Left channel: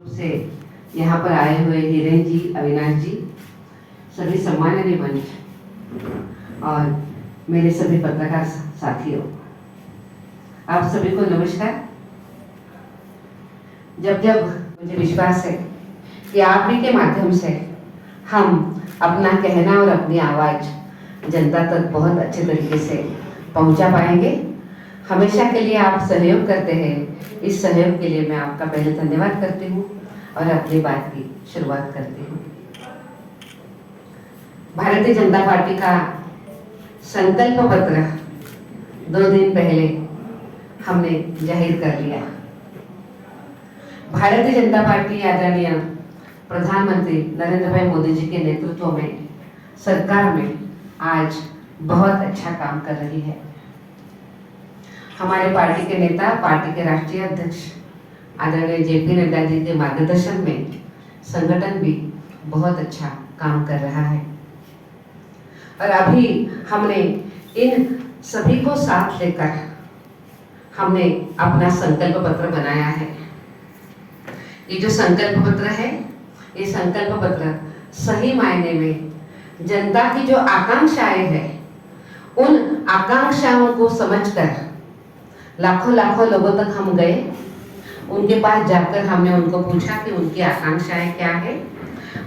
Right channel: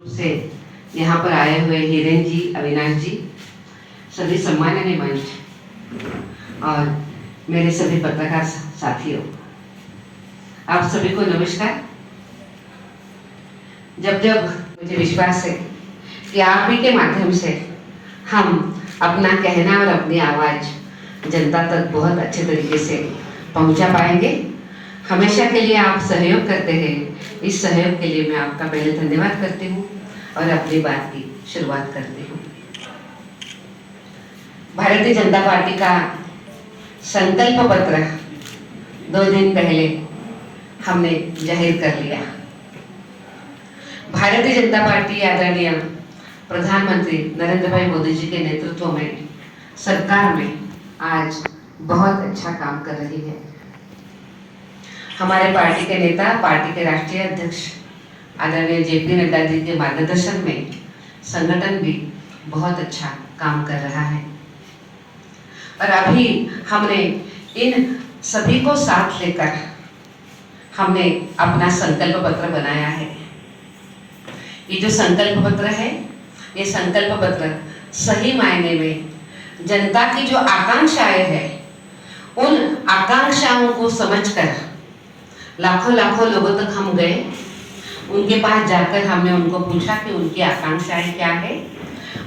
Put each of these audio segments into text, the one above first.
से यहाँ पर आए हुए हिरेन जी, अविनाश जी, सभी सम्माननीय मंच और मेरे सभी पत्रकार साथियों, आप सभी को नमस्कार। जब जब मुझे विश्वास है कि आप ही के माध्यम से हम अपना कहना और अपनी आवाज़ जनता तक बहुत अच्छे तरीके से पहुंचा पाएंगे। हमेशा के लिए आप सहयोग करते हैं, इस सहयोग के लिए मैं आपका पहले धन्यवाद करती हूँ और अपनी बात की शुरुआत करती हूँ। भारतीय जनता पार्टी का संकल्प पत्र 2 दिन पहले हमने जाहिर कर लिया। भारतीय जनता पार्टी आदरणीय प्रधानमंत्री नरेंद्र भाई मोदी जी के नेतृत्व में सरकार में आज बहुत अच्छा काम कर रही है। हमारे पार्टी के नेता, पार्टी के राष्ट्रीय अध्यक्ष आदरणीय जेपी नड्डा जी के मार्गदर्शन में संगठन भी बहुत अच्छा काम कर रहा है और अभी हमने इन सभी को साथ लेकर हमने अपना संकल्प पत्र बनाया है। ये जो संकल्प पत्र है, ये संकल्प पत्र सही मायने में जनता की जो आकांक्षाएं हैं, उन आकांक्षाओं को समझकर लाखों लाखों लोगों तक हम गए। उनके पास जाकर हमने उनको पूछा कि उनकी आकांक्षाएं क्या है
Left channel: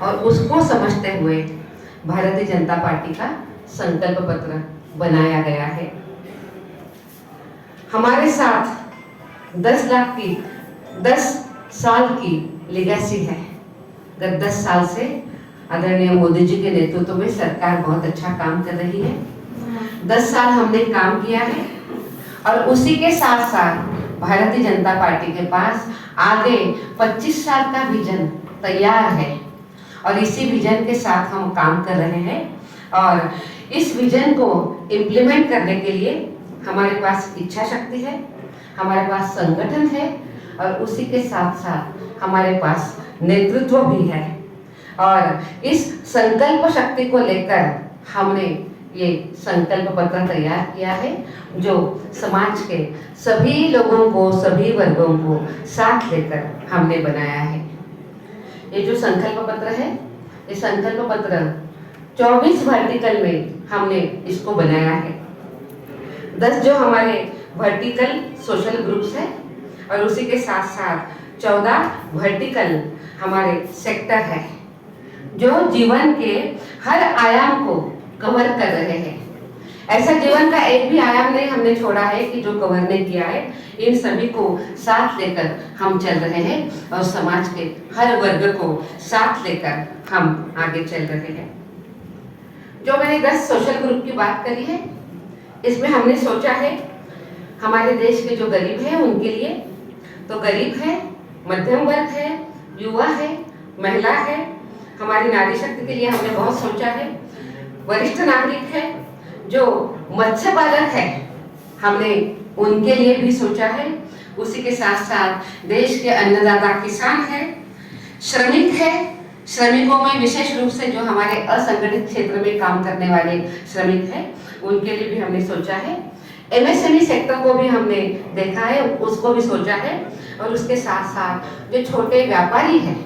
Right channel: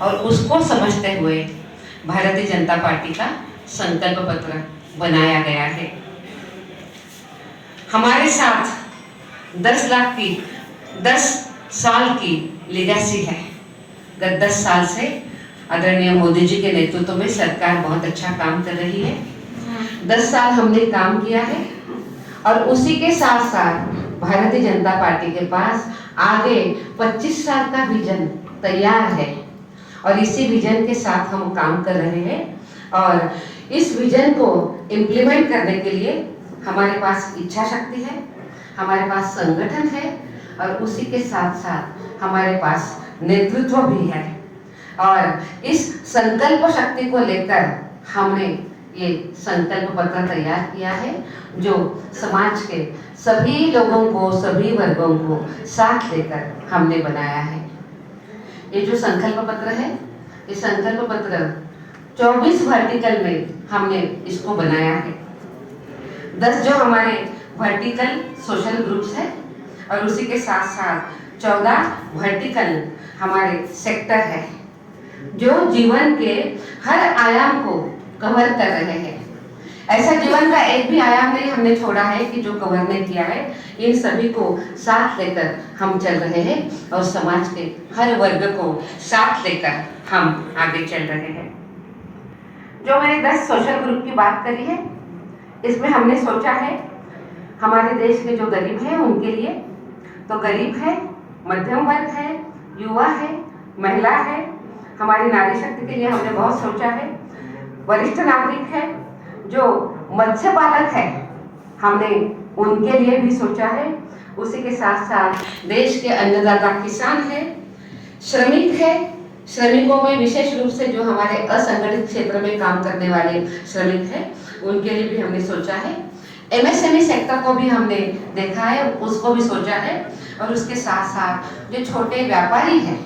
और उसको समझते हुए भारतीय जनता पार्टी का संकल्प पत्र बनाया गया है। हमारे साथ 10 लाख की 10 साल की लेगेसी है। गत 10 साल से आदरणीय मोदी जी के नेतृत्व में सरकार बहुत अच्छा काम कर रही है। 10 साल हमने काम किया है और उसी के साथ साथ भारतीय जनता पार्टी के पास आगे 25 साल का विजन तैयार है और इसी विजन के साथ हम काम कर रहे हैं और इस विजन को इम्प्लीमेंट करने के लिए हमारे पास इच्छा शक्ति है, हमारे पास संगठन है और उसी के साथ साथ हमारे पास नेतृत्व भी है। और इस संकल्प शक्ति को लेकर हमने ये संकल्प पत्र तैयार किया है, जो समाज के सभी लोगों को, सभी वर्गों को साथ लेकर हमने बनाया है। ये जो संकल्प पत्र है, ये संकल्प पत्र 24 वर्टिकल में हमने इसको बनाया है। 10 जो हमारे वर्टिकल सोशल ग्रुप्स है और उसी के साथ साथ 14 वर्टिकल हमारे सेक्टर है, जो जीवन के हर आयाम को कवर कर रहे हैं। ऐसा जीवन का एक भी आयाम नहीं हमने छोड़ा है कि जो कवर नहीं किया है। इन सभी को साथ लेकर हम चल रहे हैं और समाज के हर वर्ग को साथ लेकर हम आगे चल रहे हैं। जो मैंने 10 सोशल ग्रुप की बात करी है, इसमें हमने सोचा है हमारे देश के जो गरीब हैं उनके लिए, तो गरीब है, मध्यम वर्ग है, युवा है, महिला है, हमारी नारी शक्ति के लिए हमने बहुत सोचा है, वरिष्ठ नागरिक है, जो मत्स्य पालक है, हमने उनके लिए भी सोचा है। उसी के साथ साथ देश के अन्नदाता किसान है, श्रमिक है, श्रमिकों में विशेष रूप से जो हमारे असंगठित क्षेत्र में काम करने वाले श्रमिक हैं, उनके लिए भी हमने सोचा है। एमएसएमई सेक्टर को भी हमने देखा है, उसको भी सोचा है और उसके साथ साथ जो छोटे व्यापारी हैं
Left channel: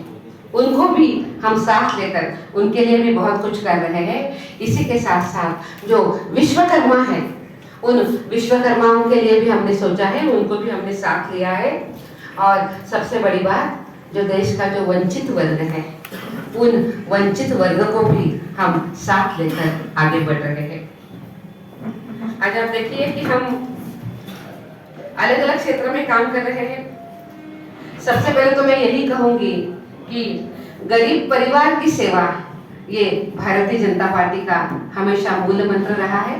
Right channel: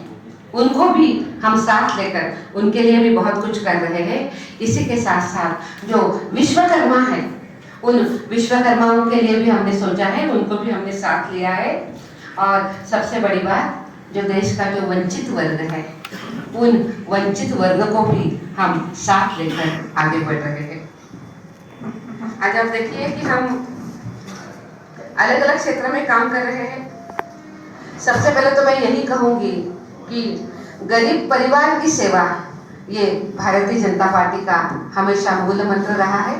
उनको भी हम साथ लेकर उनके लिए भी बहुत कुछ कर रहे हैं। इसी के साथ साथ जो विश्वकर्मा है, उन विश्वकर्माओं के लिए भी हमने सोचा है, उनको भी हमने साथ लिया है। और सबसे बड़ी बात, जो देश का जो वंचित वर्ग है, उन वंचित वर्ग को भी हम साथ लेकर आगे बढ़ रहे हैं। आज आप देखिए कि हम अलग अलग क्षेत्र में काम कर रहे हैं। सबसे पहले तो मैं यही कहूंगी कि गरीब परिवार की सेवा, ये भारतीय जनता पार्टी का हमेशा मूल मंत्र रहा है।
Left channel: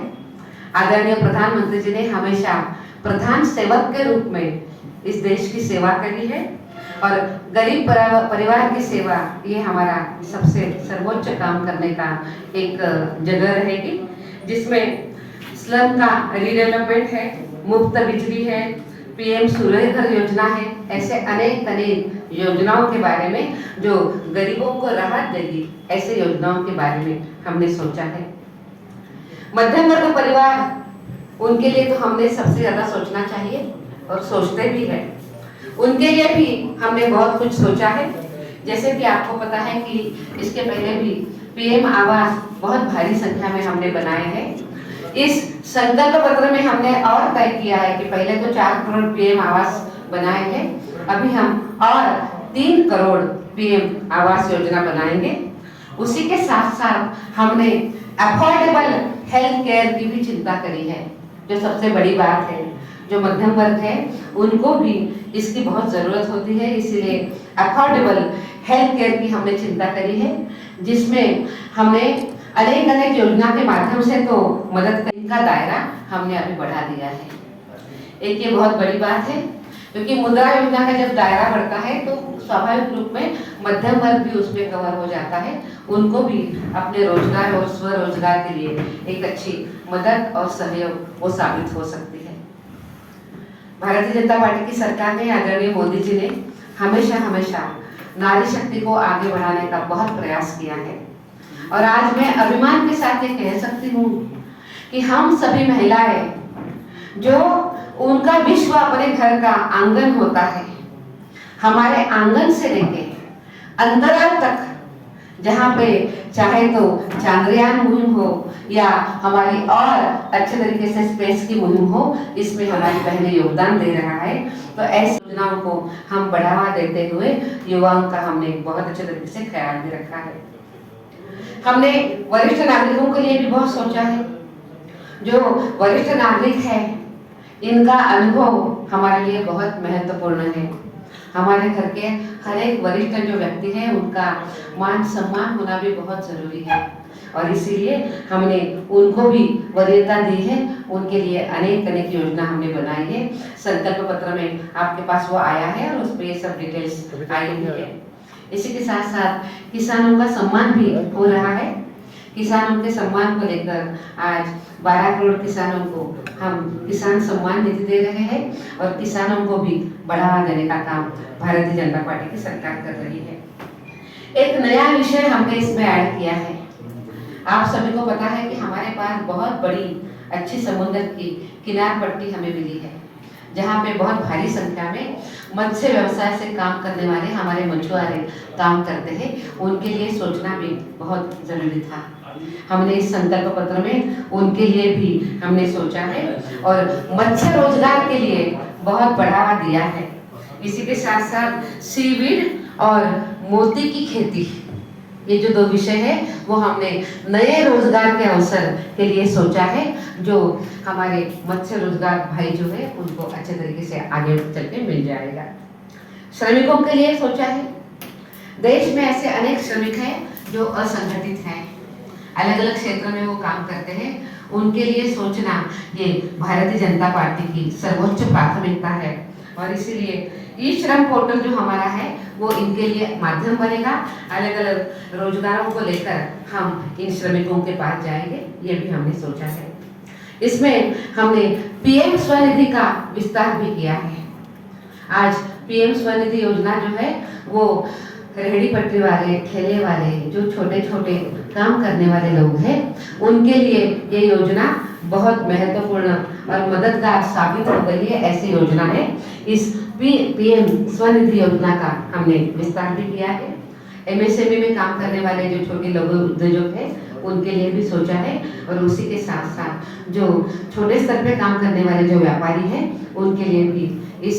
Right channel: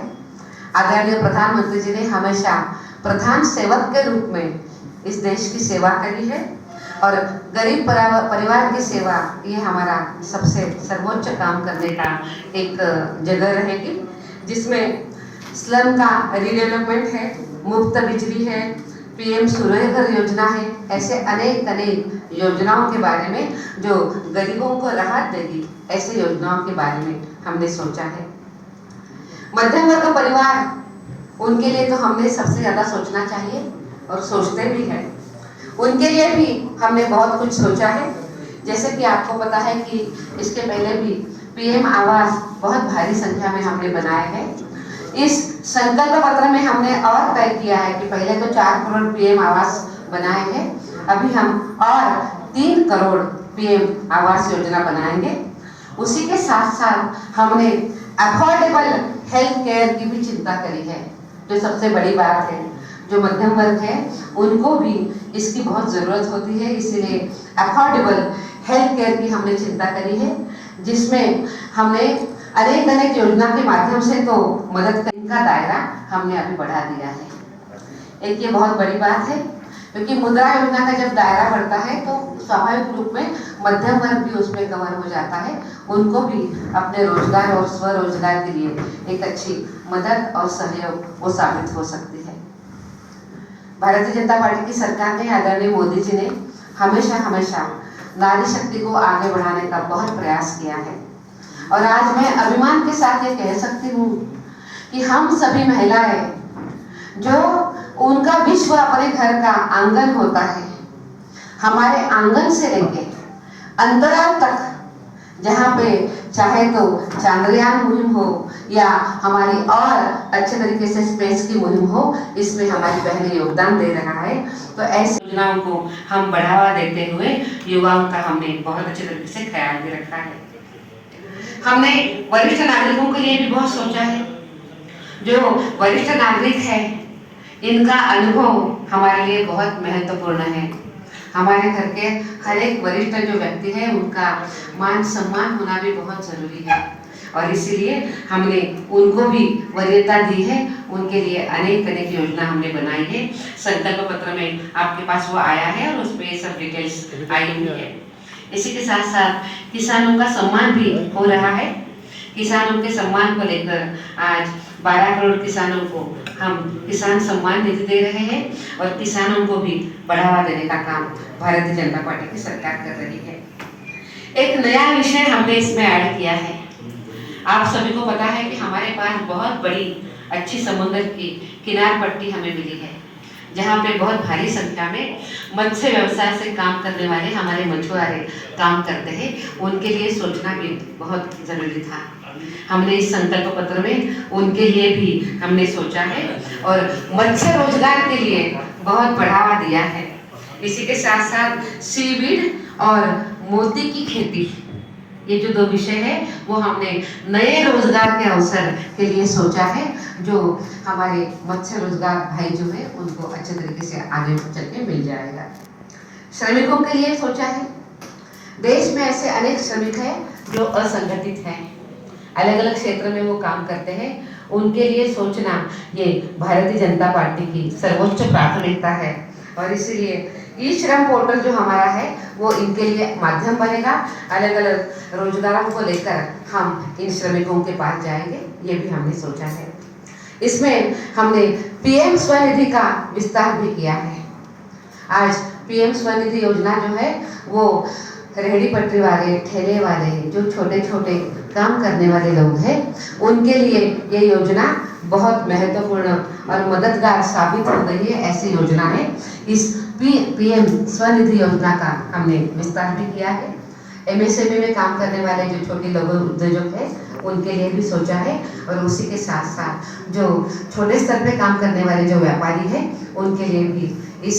आदरणीय प्रधानमंत्री जी ने हमेशा प्रधान सेवक के रूप में इस देश की सेवा करी है और गरीब परिवार की सेवा, ये हमारा सबसे सर्वोच्च काम करने का एक जगह रहेगी, जिसमें स्लम का रीडेवलपमेंट है, मुफ्त बिजली है, पीएम सूर्य घर योजना है। ऐसे अनेक योजनाओं के बारे में जो गरीबों को राहत देगी, ऐसे योजनाओं के बारे में हमने सोचा है। मध्यम वर्ग परिवार, उनके लिए तो हमने सबसे ज्यादा सोचना चाहिए और सोचते भी हैं। उनके लिए भी हमने बहुत कुछ सोचा है। जैसे कि आपको पता है कि इसके पहले भी पीएम आवास बहुत भारी संख्या में हमने बनाए हैं। इस संकल्प पत्र में हमने और तय किया है कि पहले तो 4 करोड़ पीएम आवास बनाए हैं, अभी हम और 3 करोड़ पीएम आवास योजना बनाएंगे। उसी के साथ साथ हमने अफोर्डेबल हेल्थ केयर की भी चिंता करी है, जो सबसे बड़ी बात है। जो मध्यम वर्ग है उनको भी इसकी बहुत ज़रूरत होती है, इसीलिए अफोर्डेबल हेल्थ केयर की हमने चिंता करी है, जिसमें हमने अनेक अनेक योजना के माध्यम से तो मदद करने का दायरा हमने अभी बढ़ा दिया है। एक ये बहुत बड़ी बात है, क्योंकि मुद्रा योजना का जब दायरा बढ़ता है तो स्वाभाविक रूप में मध्यम वर्ग भी उसमें कवर हो जाता है। उनको भी अपने रोजगार और स्वरोजगार के लिए एक अच्छी मदद और सहयोग वो साबित हो सकती है। भारतीय जनता पार्टी की सरकार ने, आदरणीय मोदी जी ने हमेशा नारी शक्ति को आगे बढ़ाने का बहुत प्रयास किया है। और आज मैं अभिमान के साथ ये कह सकती हूँ कि हम सभी महिलाएं, जो उनका विश्व अपने घर का आंगन होता है, हमारे आंगन से लेके अंतराल तक, जहाँ पे चाहे तो चांद्रयान मुहिम हो या हमारी और अच्छे तरीके से स्पेस की मुहिम हो, इसमें हमारी बहनें योगदान दे रहा है। तो ऐसी योजनाओं को हम बढ़ावा देते हुए युवाओं का हमने बहुत अच्छे तरीके से ख्याल भी रखा है। हमने वरिष्ठ नागरिकों के लिए भी बहुत सोचा है। जो वरिष्ठ नागरिक है, इनका अनुभव हमारे लिए बहुत महत्वपूर्ण है। हमारे घर के हर एक वरिष्ठ जो व्यक्ति है, उनका मान सम्मान होना भी बहुत जरूरी है, और इसीलिए हमने उनको भी वरीयता दी है। उनके लिए अनेक अनेक योजना हमने बनाई है। संकल्प पत्र में आपके पास वो आया है और उस पर ये सब डिटेल्स आई हुई है। इसी के साथ साथ किसानों का सम्मान भी हो रहा है। किसानों के सम्मान को लेकर आज 12 करोड़ किसानों को हम किसान सम्मान निधि दे रहे हैं, और किसानों को भी बढ़ावा देने का काम भारतीय जनता पार्टी की सरकार कर रही है। एक नया विषय हमने इसमें ऐड किया है। आप सभी को पता है कि हमारे पास बहुत बड़ी अच्छी समुद्र की किनार पट्टी हमें मिली है, जहाँ पे बहुत भारी संख्या में मत्स्य व्यवसाय से काम करने वाले हमारे मछुआरे काम करते हैं। उनके लिए सोचना भी बहुत जरूरी था। हमने इस संकल्प पत्र में उनके लिए भी हमने सोचा है, और मत्स्य रोजगार के लिए बहुत बढ़ावा दिया है। इसी के साथ साथ सीवीड और मोती की खेती, ये जो 2 विषय है वो हमने नए रोजगार के अवसर के लिए सोचा है, जो हमारे मत्स्य रोजगार भाई जो है उनको अच्छे तरीके से आगे चल के मिल जाएगा। श्रमिकों के लिए सोचा है। देश में ऐसे अनेक श्रमिक हैं जो असंगठित हैं, अलग अलग क्षेत्र में वो काम करते हैं। उनके लिए सोचना ये भारतीय जनता पार्टी की सर्वोच्च प्राथमिकता है, और इसीलिए ई श्रम पोर्टल जो हमारा है वो इनके लिए माध्यम बनेगा। अलग अलग रोजगारों को लेकर हम इन श्रमिकों के पास जाएंगे, ये भी हमने सोचा है। इसमें हमने पीएम स्वनिधि का विस्तार भी किया है। आज पीएम स्वनिधि योजना जो है वो रेहड़ी पटरी वाले, ठेले वाले, जो छोटे छोटे काम करने वाले लोग हैं, उनके लिए ये योजना बहुत महत्वपूर्ण और मददगार साबित हो गई है। ऐसी योजना है। इस पीएम स्वनिधि योजना का हमने विस्तार भी किया है। एमएसएमई में काम करने वाले जो छोटे लघु उद्योजक हैं, उनके लिए भी सोचा है, और उसी के साथ साथ जो छोटे स्तर पे काम करने वाले जो व्यापारी हैं, उनके लिए भी इस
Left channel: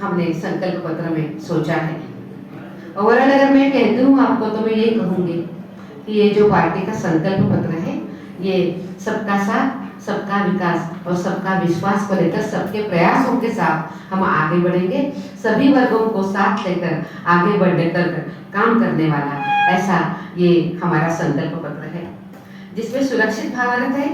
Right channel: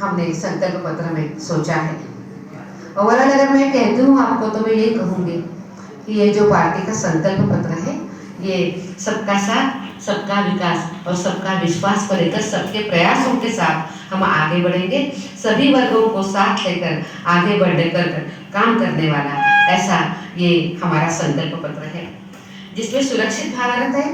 हमने संकल्प पत्र में सोचा है। ओवरऑल अगर मैं कहती हूँ आपको, तो मैं ये कहूँगी कि ये जो पार्टी का संकल्प पत्र है, ये सबका साथ, सबका विकास और सबका विश्वास को लेकर सबके प्रयासों के साथ हम आगे बढ़ेंगे। सभी वर्गों को साथ लेकर आगे बढ़ने कर काम करने वाला ऐसा ये हमारा संकल्प पत्र है, जिसमें सुरक्षित भारत है।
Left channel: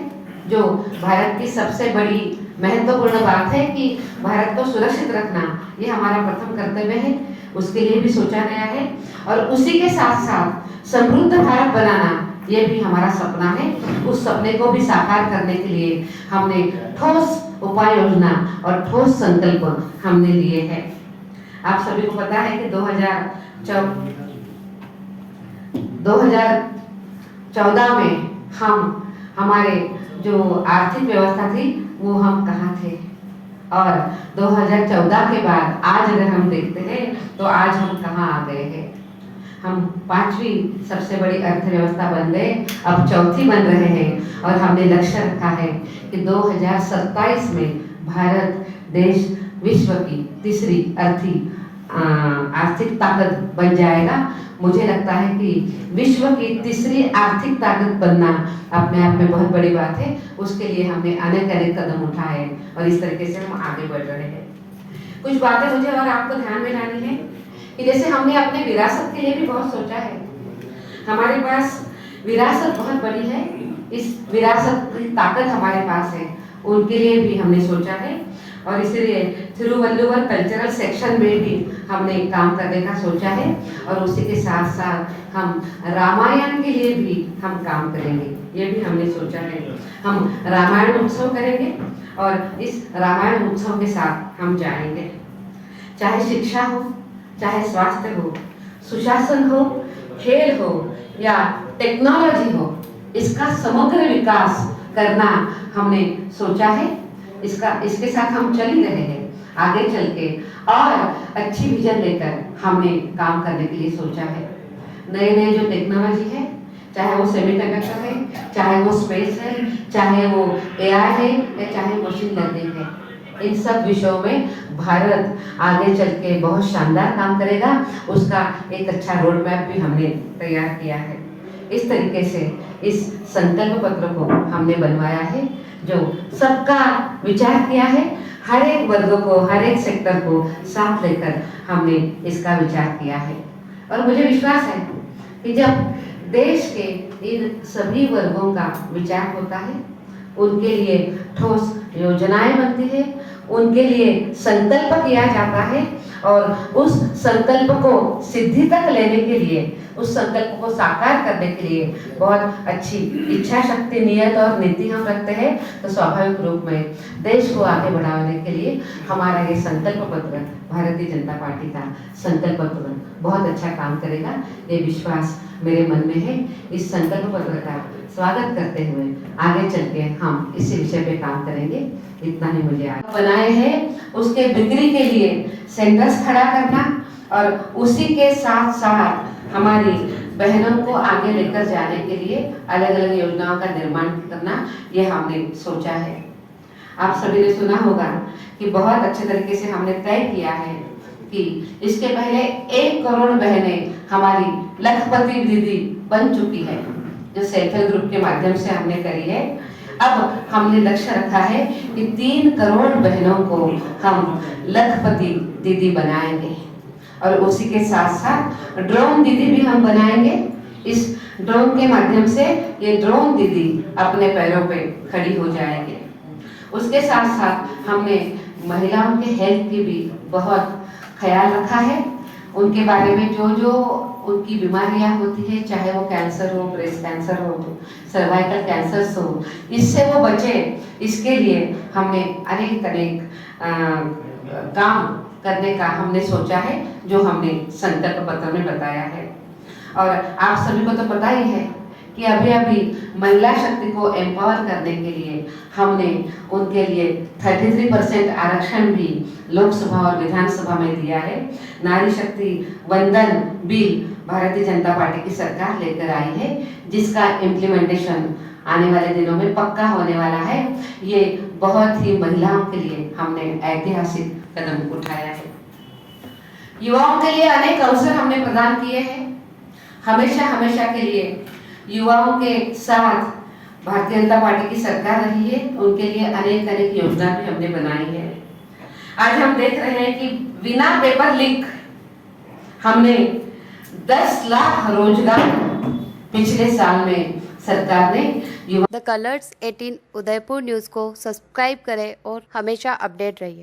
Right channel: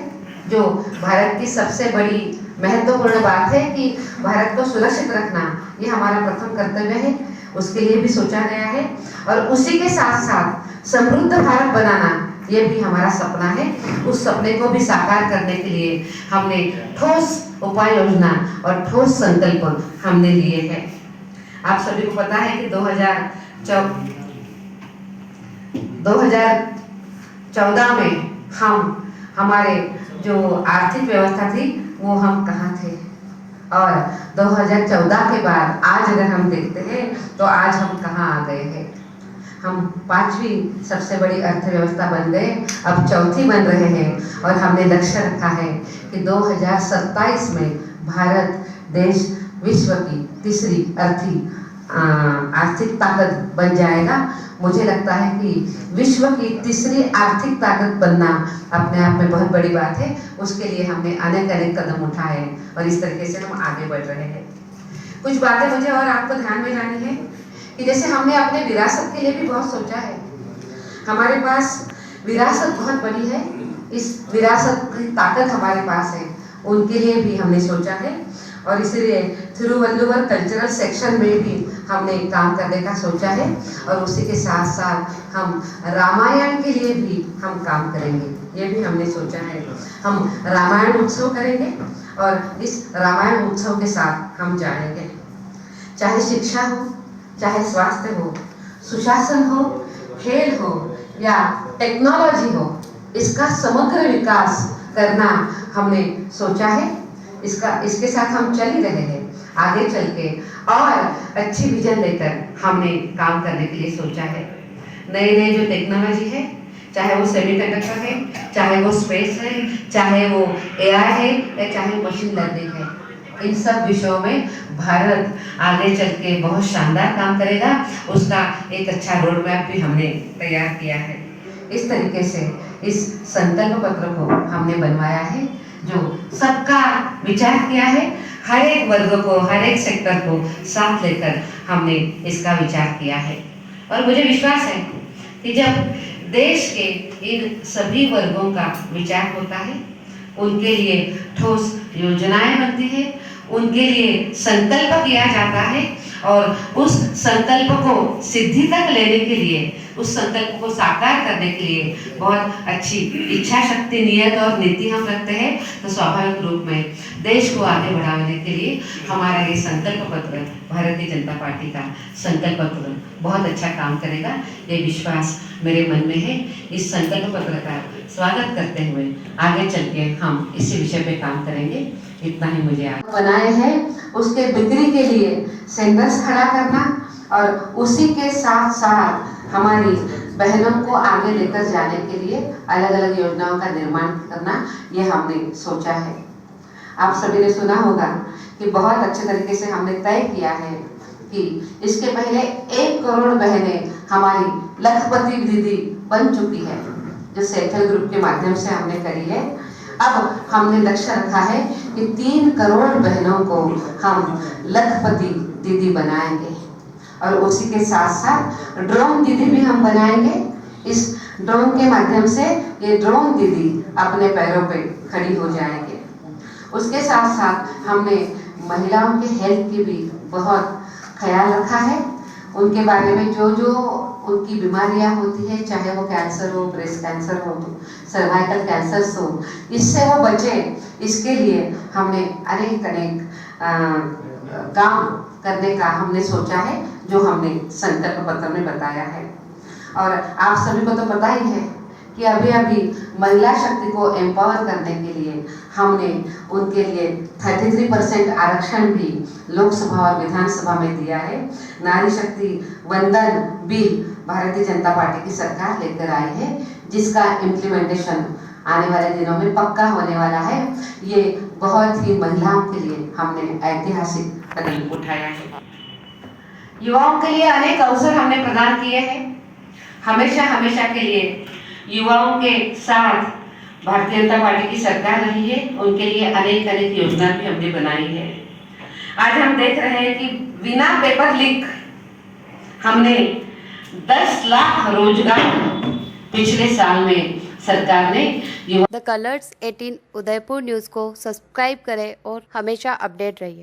जो भारत की सबसे बड़ी महत्वपूर्ण बात है कि भारत को सुरक्षित रखना, ये हमारा प्रथम कर्तव्य है। उसके लिए भी सोचा गया है, और उसी के साथ साथ समृद्ध भारत बनाना, ये भी हमारा सपना है। उस सपने को भी साकार करने के लिए हमने ठोस उपाय योजना और ठोस संकल्प हमने लिए हैं। आप सभी को पता है कि 2014 में हमारे जो आर्थिक व्यवस्था थी वो हम कहाँ थे, और 2014 के बाद आज अगर हम देखते हैं तो आज हम कहाँ आ गए हैं। हम 5वीं सबसे बड़ी अर्थव्यवस्था बन गए, अब 4थी बन रहे हैं और हमने लक्ष्य रखा है कि 2027 में भारत देश विश्व की तीसरी आर्थिक ताकत बन जाएगा। मुझे लगता है कि विश्व की तीसरी आर्थिक ताकत बनना अपने आप में बहुत बड़ी बात है। उसके लिए हमने अनेक कदम उठाए और इस तरीके से हम आगे बढ़ रहे हैं। कुछ बातें मुझे और आपको ध्यान में लानी है कि जैसे हमने अपने विरासत के लिए भी बहुत सोचा है। हमारे पास विरासत बहुत बड़ी है, इस विरासत की ताकत हमारे पास है, उनके लिए भी हमने सोचा है और इसलिए थिरुवल्लुवर कल्चरल सेक्शन में भी हमने काम करने का सोचा है और उसी के साथ साथ हम रामायण के लिए भी हम काम करेंगे, ये भी हमने सोचा है। हम रामायण उत्सव करेंगे और इस रामायण उत्सव के साथ हम जाएंगे। चाहे शिक्षा हो, चाहे स्वास्थ्य हो, सुशासन हो, खेल हो या टेक्नोलॉजी हो, इसका समग्र विकास करना हमने सोचा है। इसके साथ हम चल ही रहे हैं। आगे चल के और अच्छी विजन लेकर हमने काम करने के लिए सोचा है। नए जो टेक्नोलॉजी है, चाहे वो सेमीकंडक्टर है, चाहे वो स्पेस है, चाहे वो एआई है या चाहे मशीन लर्निंग है, इन सब विषयों में भारत आगे चल के बहुत शानदार काम करेगा। उसका एक अच्छा रोड मैप भी हमने तैयार किया है। इस तरीके से इस संकल्प पत्र को हमने बनवाया है, जो सबका विचार किया है। हर एक वर्ग को, हर एक सेक्टर को साथ लेकर हमने इसका विचार किया है और मुझे विश्वास है कि जब देश के इन सभी वर्गों का विचार होता है, उनके लिए ठोस योजनाएं बनती है, उनके लिए संकल्प किया जाता है और उस संकल्प को सिद्धि तक लेने के लिए, उस संकल्प को साकार करने के लिए बहुत अच्छी इच्छा शक्ति, नियत और नीति हम रखते हैं, तो स्वाभाविक रूप में देश को आगे बढ़ाने के लिए हमारा ये संकल्प पत्र, भारतीय जनता पार्टी का संकल्प पत्र बहुत अच्छा काम करेगा। ये विश्वास मेरे मन में है। इस संकल्प पत्र का स्वागत करते हुए आगे चल के हम इसी विषय पे काम करेंगे। इतना ही मुझे आज बनाए हैं। उसके बिक्री के लिए सेंटर्स खड़ा करना और उसी के साथ साथ हमारी बहनों को आगे लेकर जाने के लिए अलग अलग योजनाओं का निर्माण करना, ये हमने सोचा है। आप सभी ने सुना होगा कि बहुत अच्छे तरीके से हमने तय किया है कि इसके पहले 1 करोड़ बहनें हमारी लखपति दीदी बन चुकी है, जो सेल्फ हेल्प ग्रुप के माध्यम से हमने करी है। अब हमने लक्ष्य रखा है कि 3 करोड़ बहनों को हम लखपति दीदी बनाएंगे और उसी के साथ साथ ड्रोन दीदी भी हम बनाएंगे। इस ड्रोन के माध्यम से ये ड्रोन दीदी अपने पैरों पे खड़ी हो जाएंगे। उसके साथ साथ हमने महिलाओं के हेल्थ की भी बहुत ख्याल रखा है। उनके बारे में जो उनकी बीमारियां होती है, चाहे वो कैंसर हो, ब्रेस्ट कैंसर हो, सर्वाइकल कैंसर हो, इससे वो बचे, इसके लिए हमने अनेक काम करने का हमने सोचा है, जो हमने संकल्प पत्र में बताया है। और आप सभी को तो पता ही है कि अभी महिला शक्ति को एम्पावर करने के लिए हमने उनके लिए 33% आरक्षण भी लोकसभा और विधानसभा में दिया है। नारी शक्ति वंदन बिल भारतीय जनता पार्टी की सरकार लेकर आई है, जिसका इम्प्लीमेंटेशन आने वाले दिनों में पक्का होने वाला है। ये बहुत ही महिलाओं के लिए हमने ऐतिहासिक कदम उठाया है। युवाओं के लिए अनेक अवसर हमने प्रदान किए हैं। हमेशा के लिए युवाओं के साथ भारतीय जनता पार्टी की सरकार रही है, उनके लिए अनेक योजना भी हमने बनाई है। आज हम देख रहे हैं कि बिना पेपर लीक हमने 10 लाख रोजगार पिछले साल में सरकार ने द कलर्स 18 उदयपुर न्यूज़ को सब्सक्राइब करें और हमेशा अपडेट रहिए।